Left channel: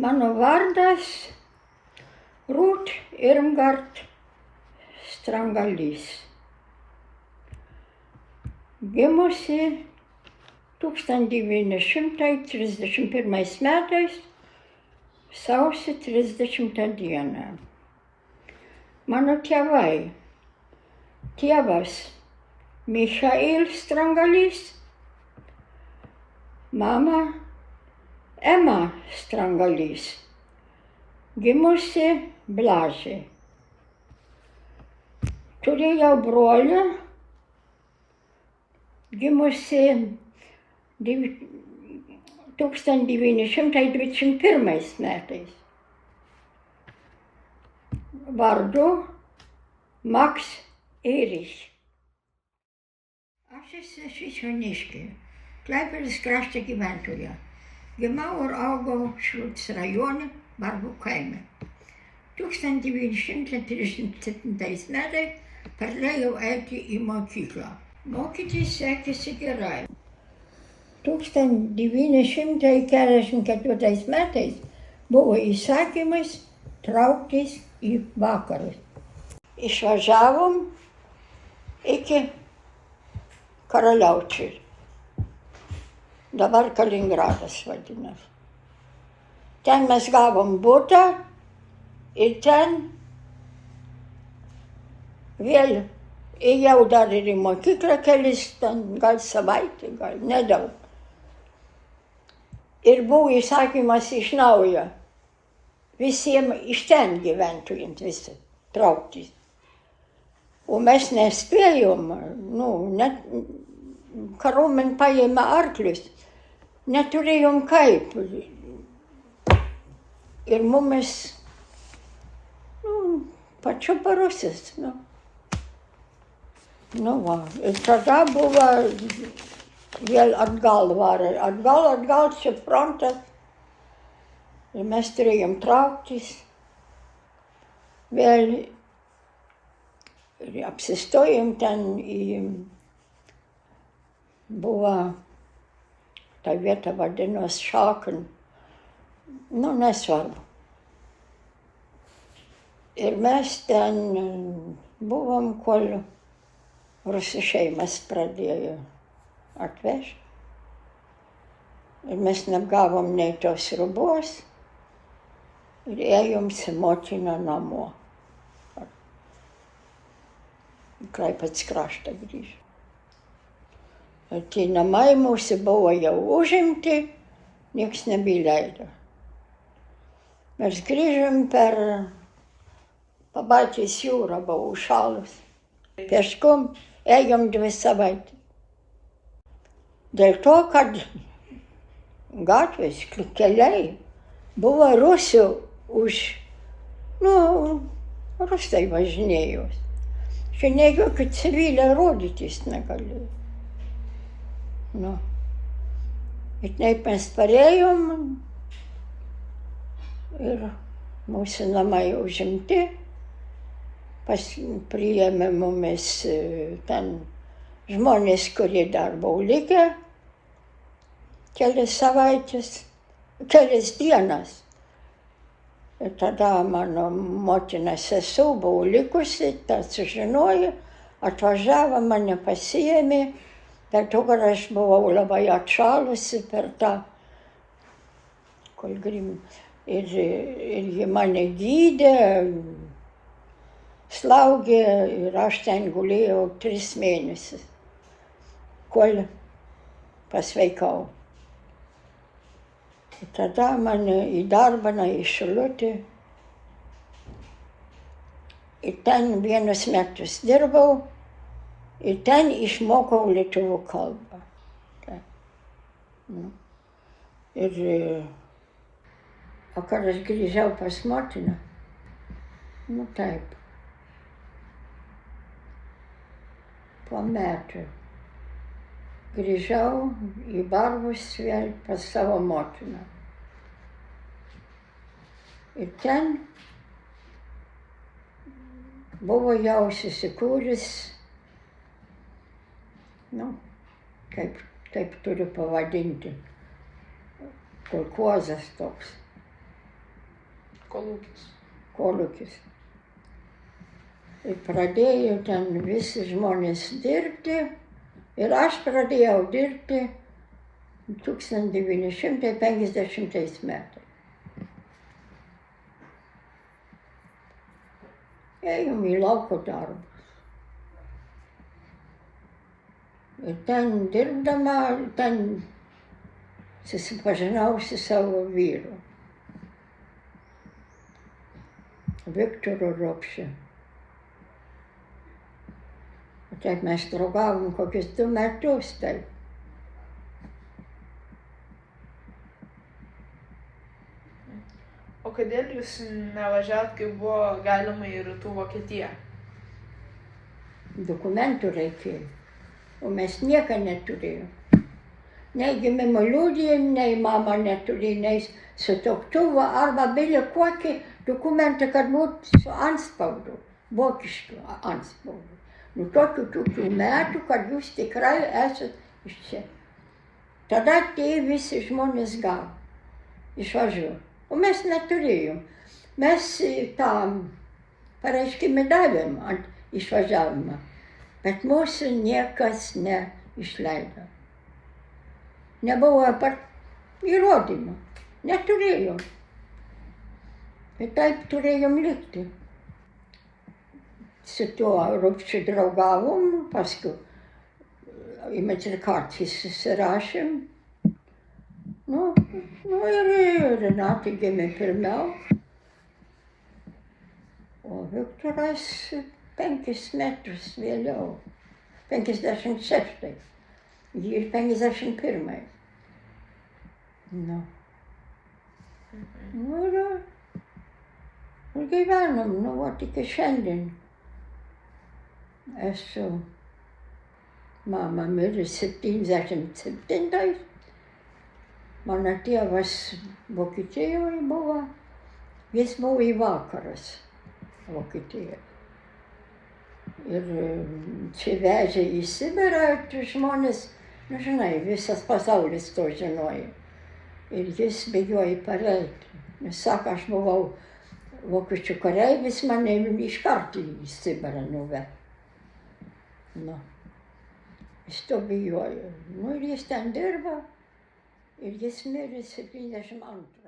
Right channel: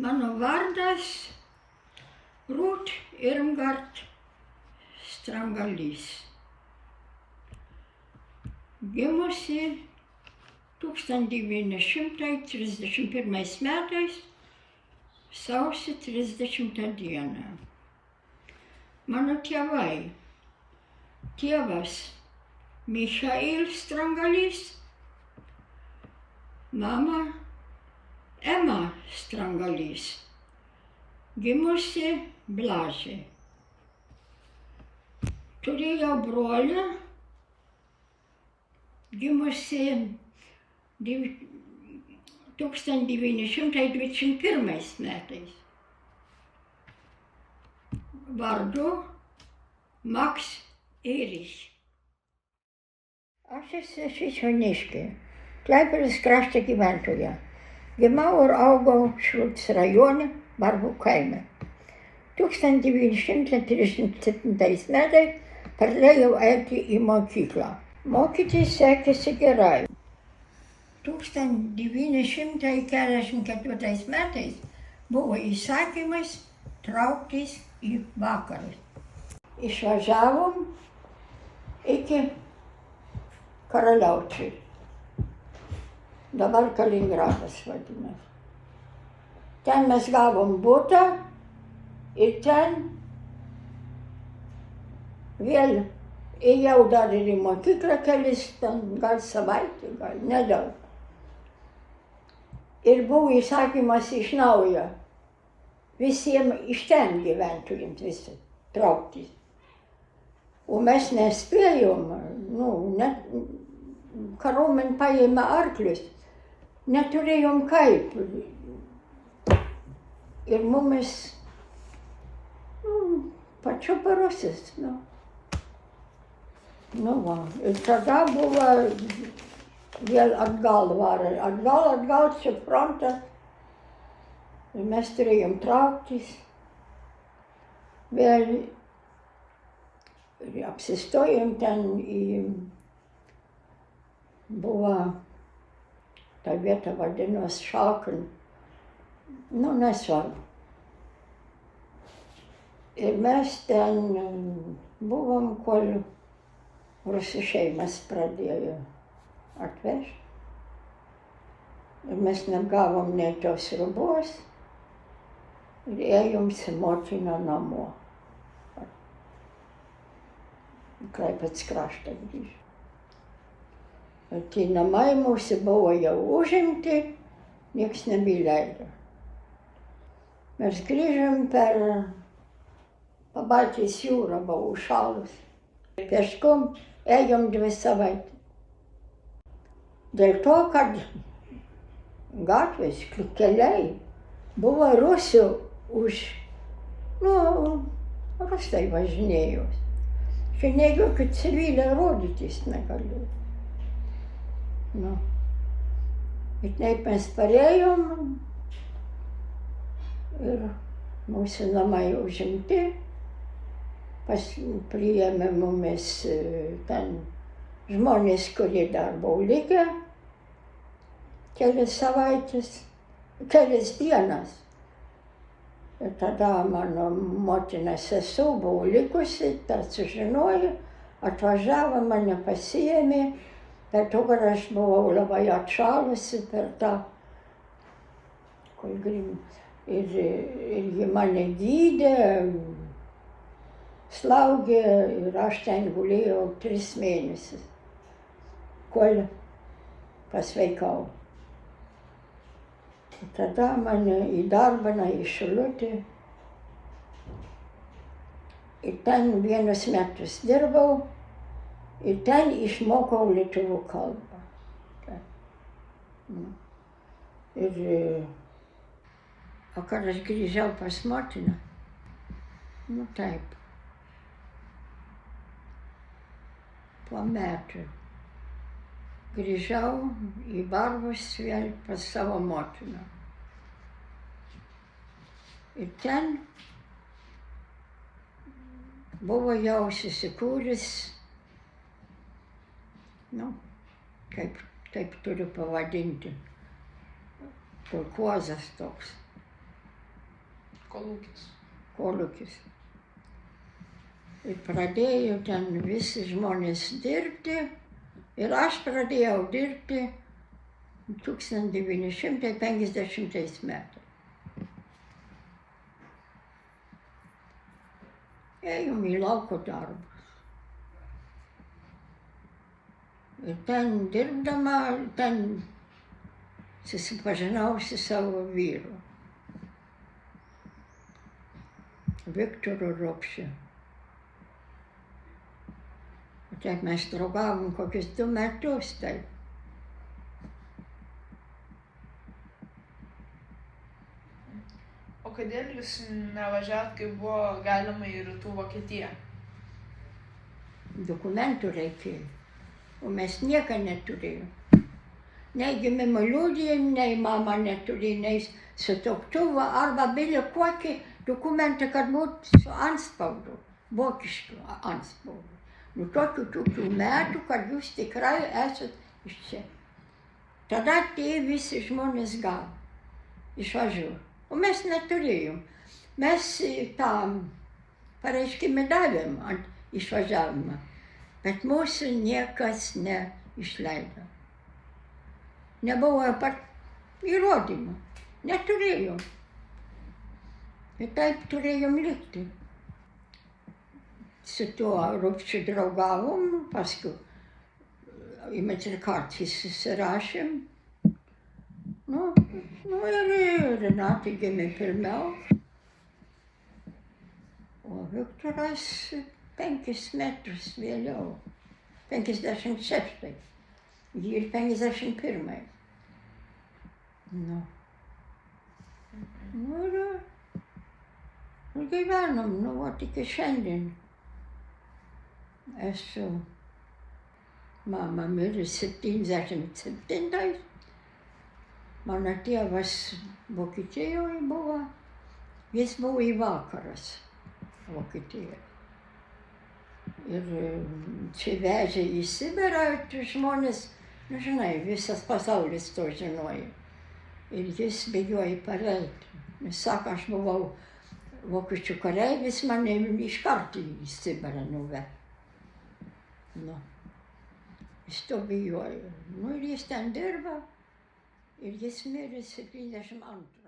Mano vardas Rūt Irmgard Strangalys. Gimusi 1931 metais, sausio 30 dieną. Mano tėvai. Tėvas Michail Strangalys, mama Ema Strangalys, gimusi Blažė. Turėjau brolį, gimusi 1921 metais. Vardu Max Erich. Aš esu iš Joniškio, Klaipėdos krašto gyventoja. Gimau ir augau Šilutės rajone, Barbų kaime. 1937 metais pradėjau eiti į mokyklą. Mokytis sekėsi gerai. 1944 metais buvo įsakymas trauktis į vakarus. Išvažiavom iki Karaliaučiaus. Dabar Kaliningradas vadinasi. Ten mes gavom butą ir ten vėl ėjau dar ir į mokyklą kelis, gal savaitę, gal nedaug. Ir buvo įsakymas iš naujo visiems iš ten gyventojams visi trauktis. O mes nespėjom, net kariuomenė paėmė arklius, neturėjom kaip. Ir mumis, pačiu parusis. Ir tada buvo vėl atgal varė, atgal čia frontas. Ir mes turėjom trauktis. Vėl ir apsistojom ten buvo ta vieta vadinosi Šakin. Nesvarbu. Ir mes ten buvom, kol rusų šeimas pradėjo atvežti. Ir mes negavom nei tos rubos. Ir ėjom su motina namo. Klaipėdos kraštą grįžo. Ir tie namai mūsų buvo jau užimti, nieks nebeleido. Mes grįžom per Pabaltijos jūrą, buvo užšalus. Peškom ėjom 2 savaitės. Dėl to, kad gatvės, keliai buvo rusų rusai važinėjo. Čia ne jokių civilių rodytis negalėjo. Ir taip mes parėjom ir mūsų namai užimti. Priėmė mumis ten žmonės, kurie dar buvo likę kelias dienas. Ir tada mano motina sesuo buvo likusi, tą sužinojo, atvažiavo, mane pasiėmė. Per to, kad aš buvau labai atšalusi per tą, ir ji mane gydė, slaugė ir aš ten gulėjau 3 mėnesius, kol pasveikau. Ir tada mane įdarbino į Šilutę. Ir ten 1 metus dirbau. Ir ten išmokau lietuvių kalbą. O kad aš grįžau pas motiną, taip, po metų grįžau į Barbus vėl pas savo motiną. Ir ten buvo jau susikūręs, kaip turiu pavadinti, kolkozas toks. Kolūkis. Ir pradėjo ten visi žmonės dirbti ir aš pradėjau dirbti 1950 metais. Ėjom į lauko darbus. Ir ten dirbdama, ten susipažinau su savo vyru, Viktoru Ropšiu. Taip mes draugavom kokius 2 metus, taip. O kodėl jūs nevažiavot, kai buvo galima į Rytų Vokietiją? Dokumentų reikėjo, o mes nieko neturėjom. Nei gimimo liudijimo, nei mama neturėjo, nei sutuoktuvo arba bile kokį dokumentą, kad būtų su antspaudu, vokišku antspaudu. Nu tokių metų, kad jūs tikrai esat iš čia. Tada tie visi žmonės gavo išvažiuoti. O mes neturėjom. Mes tam pareiškimą davėm ant išvažiavimą, bet mūsų niekas neišleido. Nebuvo įrodymų, neturėjom. Ir taip turėjom likti. Su tuo Ropšiu draugavom, paskui į Metrikatį susirašėm. Nu ir Renata gimė pirmiau, o Viktoras 5 metus vėliau, 56, ji ir 51. Nu ir gyvenom, nu vat iki šiandien. Esu, mama mirė 77. Mano tėvas Vokietijoje buvo, jis buvo į vakarus Vokietijoje. Ir čia vežė į Sibirą žmonės, nu žinai, visas pasaulis to žinojo. Ir jis bėgiojo pareiti. Jis sako, aš buvau vokiečių kareivis, mane iš karto į Sibirą nuvedė. Nu, jis to bijojo. Nu ir jis ten dirbo. Ir jis mirė 72.